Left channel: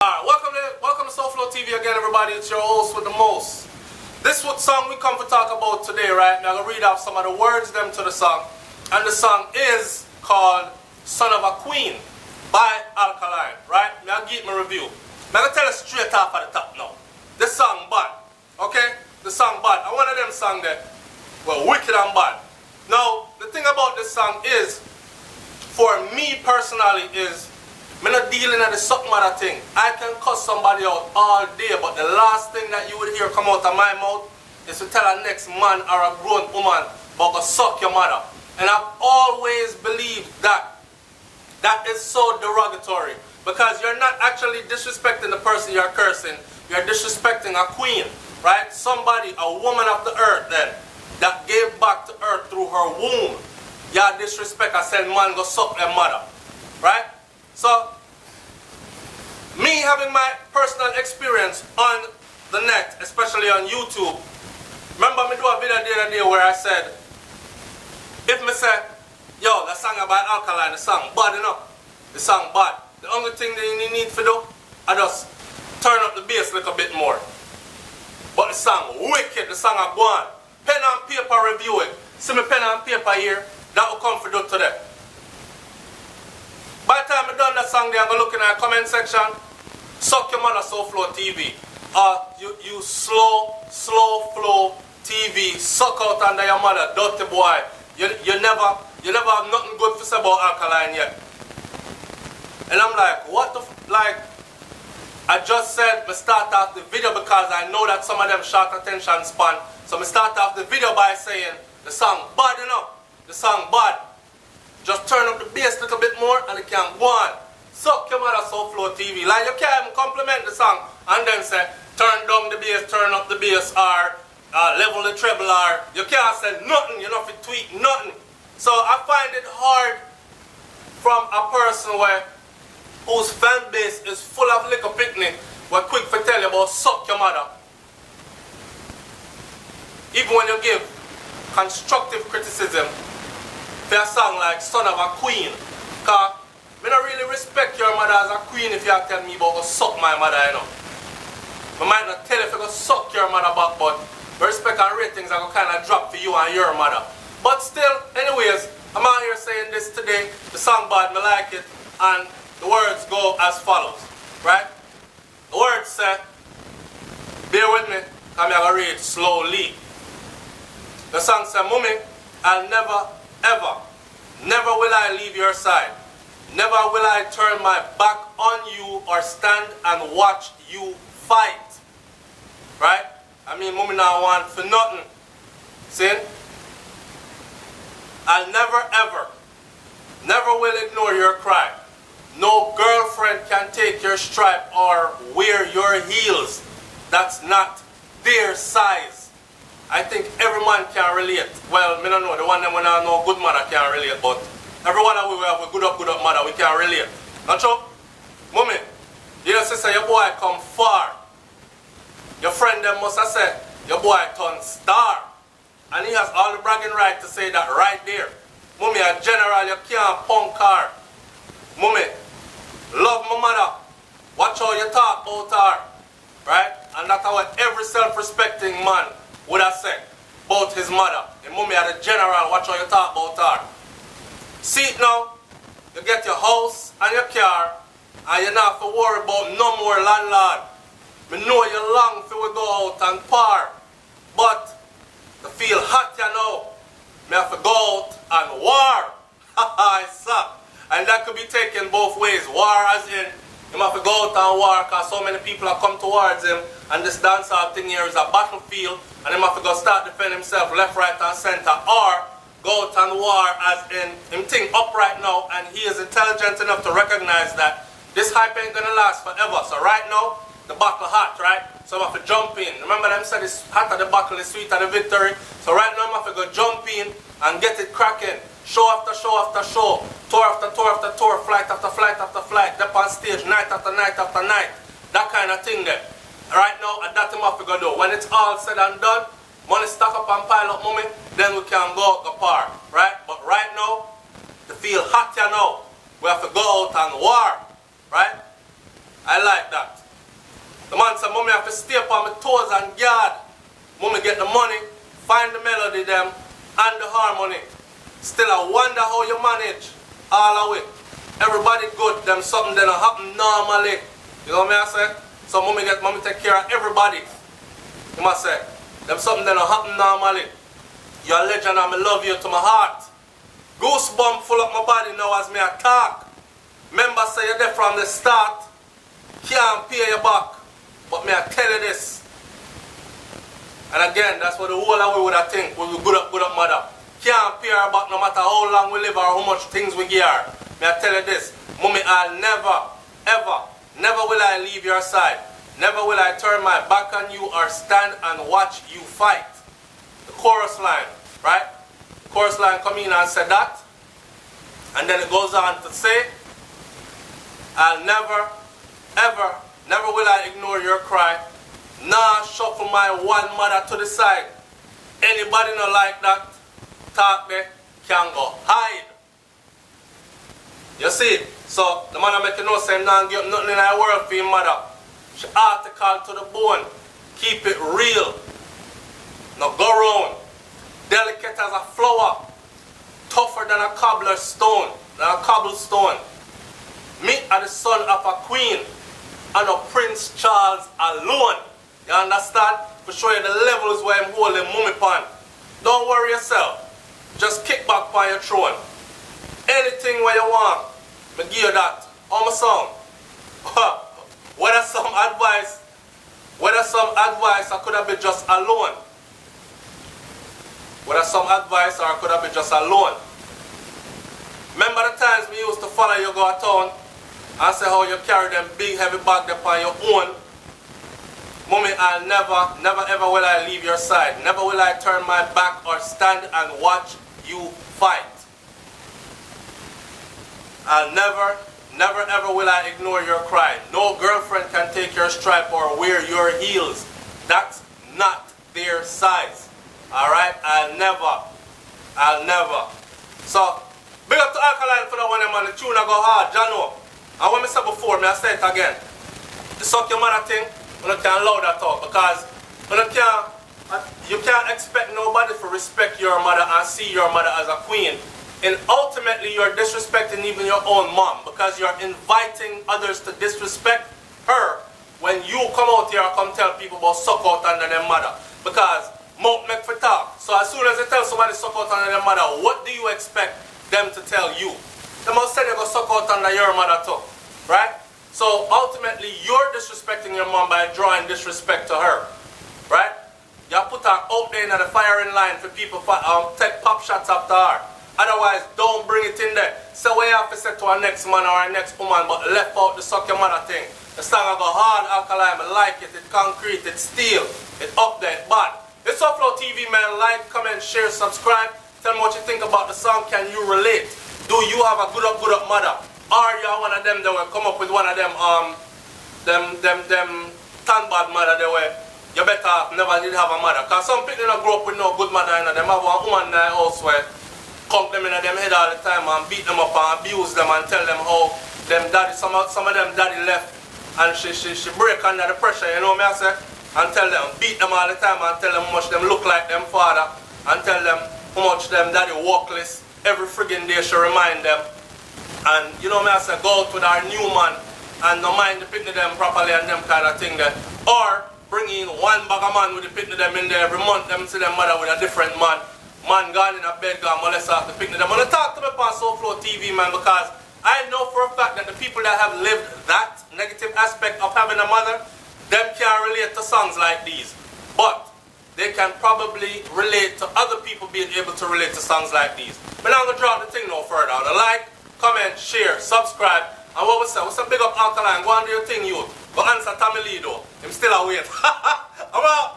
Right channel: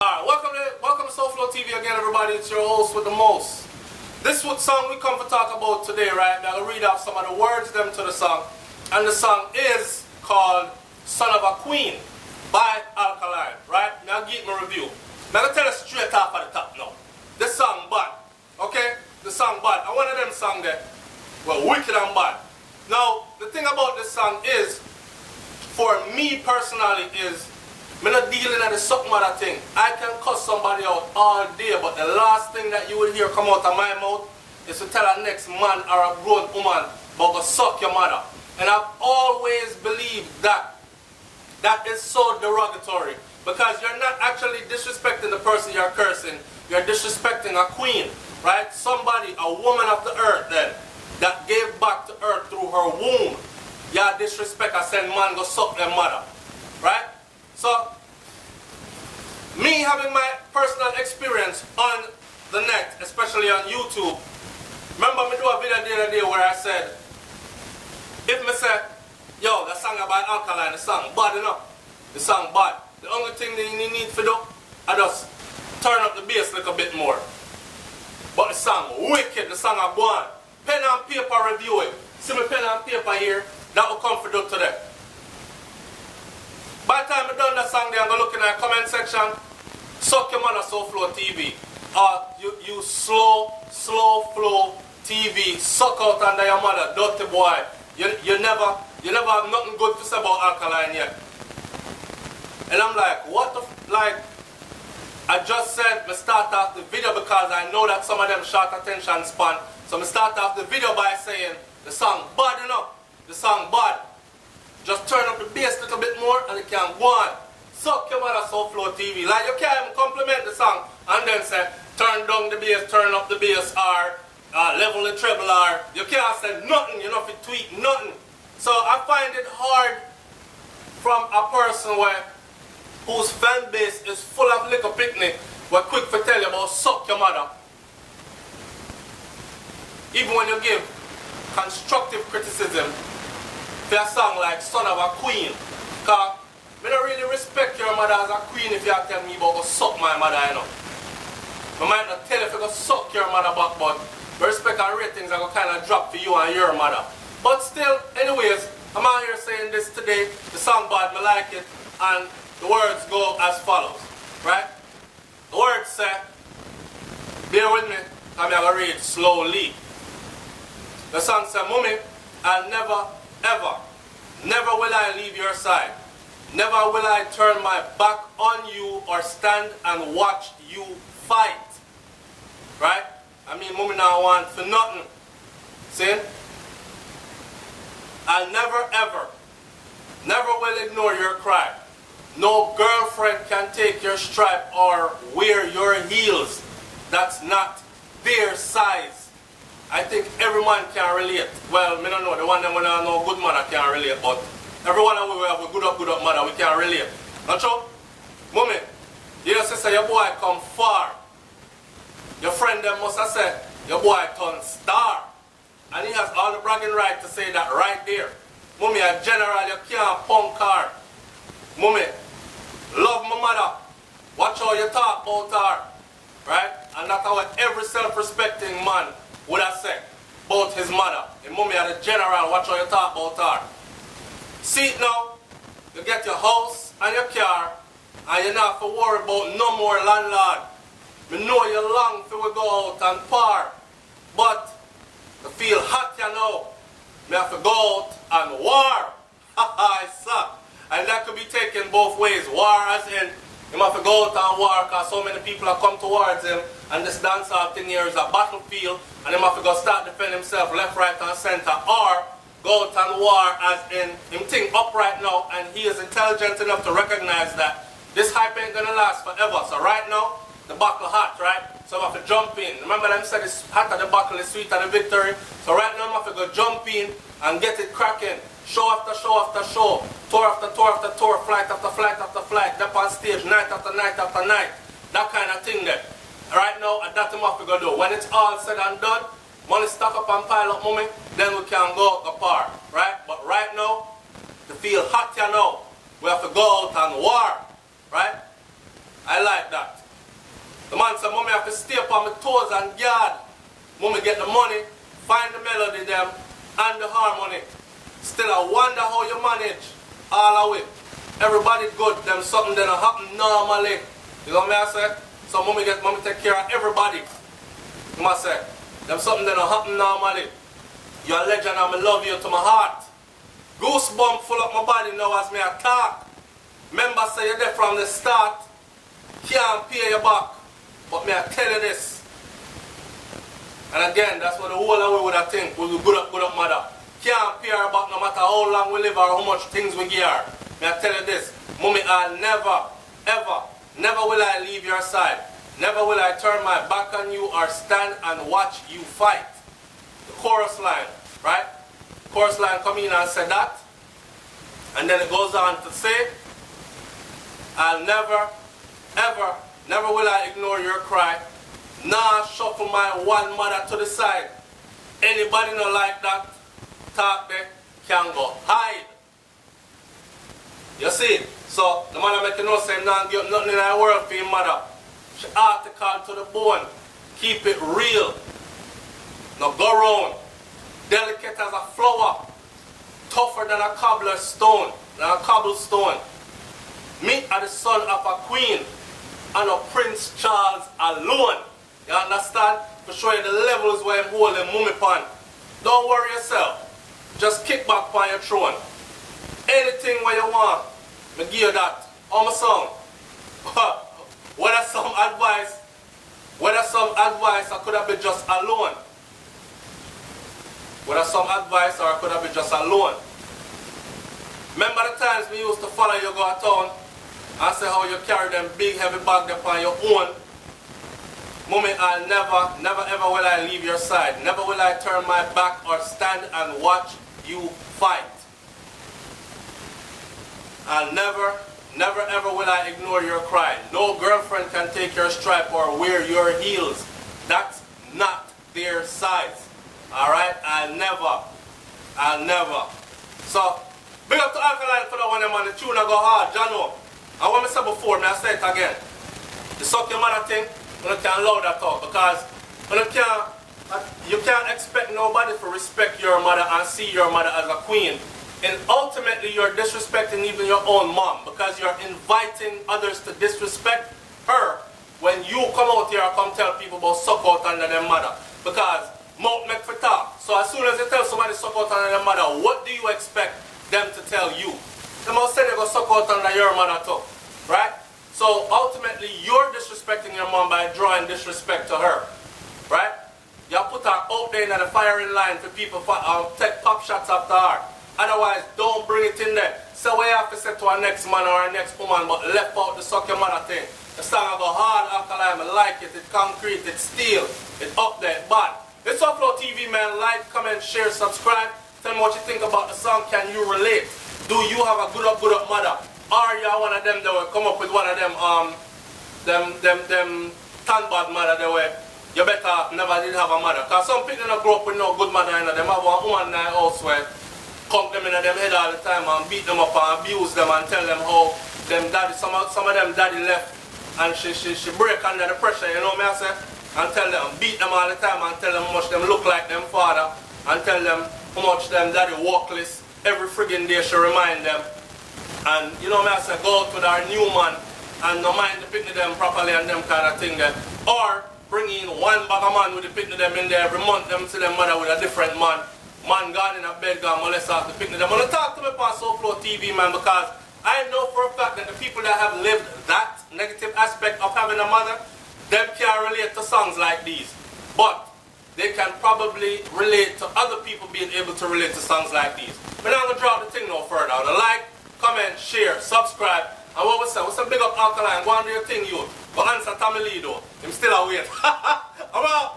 Alright, welcome to SouFLoTV again, everybody. It's your host with the most. This what song we come to talk about today, right? I'm going to read off some of the words them to the song. And the song is called Son of a Queen by Alkaline, right? Now give me a review. I'm going to tell you straight off at the top now. This song bad, okay? The song bad. And one of them songs that were wicked and bad. Now, the thing about this song is, for me personally, is I'm not dealing with the suck mother thing. I can cuss somebody out all day, but the last thing that you would hear come out of my mouth is to tell a next man or a grown woman about go suck your mother. And I've always believed that that is so derogatory, because you're not actually disrespecting the person you're cursing. You're disrespecting a queen, right? Somebody, a woman of the earth then, that gave back to earth through her womb. Yeah, disrespect, I said man go suck their mother, right? So, me having my personal experience on the net, especially on YouTube, remember me do a video the other day where I said, if me say, yo, that song about Alkaline, the song bad enough, the song bad. The only thing that you need to do, I just turn up the bass a little bit more. But the song wicked, the song I go on. Pen and paper review it. See me pen and paper here, that will come for do today. By the time I done that song there, I'm going to look in the comment section. Suck your mother, SouFLoTV. You slow flow TV. Suck out under your mother, dirty boy. You never have nothing good to say about Alkaline yet. And I'm like, what the like, I just said me start off the video because I know that some of them short attention span. So me start off the video by saying the song bad enough. The song bad. Just turn up the bass a little bit more and it can go on. Suck your mother, SouFLoTV. Like you can't even compliment the song and then say turn down the bass, turn up the bass, or level the treble, or you can't say nothing, you know, if you tweet nothing. So I find it hard from a person whose fan base is full of liquor picnic, we're quick to tell you about suck your mother. Even when you give constructive criticism for a song like Son of a Queen, because I don't really respect your mother as a queen if you tell me about go suck my mother, you know. I might not tell you if you go suck your mother back, but respect and ratings are going to kind of drop for you and your mother. But still, anyways, I'm out here saying this today. The song bad, me like it, and the words go as follows, right? The words say, bear with me, I'm going to read slowly. The song says, Mummy, I'll never, ever, never will I leave your side. Never will I turn my back on you or stand and watch you fight. Right? I mean, Mummy now want for nothing. See? I'll never ever, never will ignore your cry. No girlfriend can take your stripe or wear your heels. That's not their size. I think every man can relate. Well, me don't know. The one them when I know good mother can relate, but everyone that we have a good up mother, we can relate. Not true? Mummy, your sister, your boy come far. Your friend them must have said, your boy turn star. And he has all the bragging right to say that right there. Mummy, a general, you can't punk her. Mummy, love my mother. Watch how you talk about her. Right? And that's how every self-respecting man would have said about his mother. And Mummy, as a general, watch how you talk about her. See it now, you get your house and your car, and you don't have to worry about no more landlord. Me know you long till we go out and par, but you feel hot, you know. Me have to go out and war. Haha, it sucks. And that could be taken both ways. War as in, you have to go out and war because so many people have come towards him, and this dancehall thing here is a battlefield, and he have to go start defend himself left, right, and center, or go out and war as in him think up right now, and he is intelligent enough to recognize that this hype ain't gonna last forever. So right now, the battle hot, right? So I'm have to jump in. Remember them said it's hot at the battle is sweet at the victory. So right now I'm have to go jump in and get it cracking. Show after show after show, tour after tour after tour, flight after flight after flight, up on stage, night after night after night. That kind of thing there. Right now, that's what I'm have to go do. When it's all said and done, money stack up and pile up, Mummy, then we can go out the par, right? But right now, to feel hot, you know, we have to go out and war, right? I like that. The man said, mommy have to stay upon my toes and guard. Mommy get the money, find the melody them, and the harmony. Still I wonder how you manage all of it. Everybody good, them something that happen normally. You know what I say? So mommy take care of everybody. You must say, them something that happen normally. You're a legend and I love you to my heart. Goosebump full up my body now as me talk. Remember say you're there from the start. Can't pay you back. But me I tell you this. And again, that's what the whole of we would have think. We will good up mother. Can't pay her back no matter how long we live or how much things we give her. Me I tell you this. Mommy, I'll never will I leave your side. Never will I turn my back on you or stand and watch you fight. The chorus line, right? The chorus line come in and say that. And then it goes on to say, I'll never will I ignore your cry. Nah, shuffle my one mother to the side. Anybody not like that, talk there, can go hide. You see? So, the man make you know say, nah, give nothing in the world for your mother. She article to the bone. Keep it real. Now go round. Delicate as a flower. Tougher than a cobblestone. Me are the son of a queen and a Prince Charles alone. You understand? To show you the levels where I'm holding mummy pan. Don't worry yourself. Just kick back on your throne. Anything where you want, I give you that. On my song. Whether some advice I could have been just alone. Whether some advice or I could have been just alone. Remember the times we used to follow you go to town and say how you carry them big heavy bag upon your own. Mommy, I'll never ever will I leave your side. Never will I turn my back or stand and watch you fight. I'll never ever will I ignore your cry. No girlfriend can take your stripe or wear your heels. That's not their size. Alright? I'll never. So, big up to Alkaline for that one, man. The tune I go hard, Jano. And what I said before, I say it again. The suck your mother thing, you can't allow that out because you can't expect nobody to respect your mother and see your mother as a queen. And ultimately, you're disrespecting even your own mom because you're inviting others to disrespect her when you come out here and come tell people about suck out under their mother. Because mouth make for talk. So as soon as they tell somebody suck out under their mother, what do you expect them to tell you? They must say they're going to suck out under your mother too. Right? So ultimately, you're disrespecting your mom by drawing disrespect to her. Right? You put her out there in the firing line for people to take pop shots after her. Otherwise, don't bring it in there. Say what you have to say to our next man or our next woman, but left out the suck your mother thing. The song I go hard, Alkaline, I like it, it's concrete, it's steel, it's up there, it's bad. It's SouFLoTV, man. Like, comment, share, subscribe. Tell me what you think about the song. Can you relate? Do you have a good up mother? Are you one of them that will come up with one of them tan bad mother that way? You better never did have a mother. Because some people don't grow up with no good mother in them. Have a woman in the house where conk them in them head all the time and beat them up and abuse them and tell them how them daddy, some of them daddy left and she break under the pressure, you know what I say? And tell them, beat them all the time and tell them how much them look like them father and tell them how much them daddy workless. Every friggin' day she remind them. And you know what I say, go out with our new man and no mind the picnic them properly and them kind of thing then. Or bring in one bag of man with the picnic them in there every month, them see them mother with a different man. Man gone in a bed, gone molest off the picnic. I'm going to talk to me on SouFLoTV, man, because I know for a fact that the people that have lived that negative aspect of having a mother, them can't relate to songs like these. But they can probably relate to other people being able to relate to songs like these. But I'm going to drop the thing no further. Like, comment, share, subscribe. And what was that? What's a big up Alkaline? Go and do your thing, you. But answer Tommy Lee, though. I'm still away. I'm out.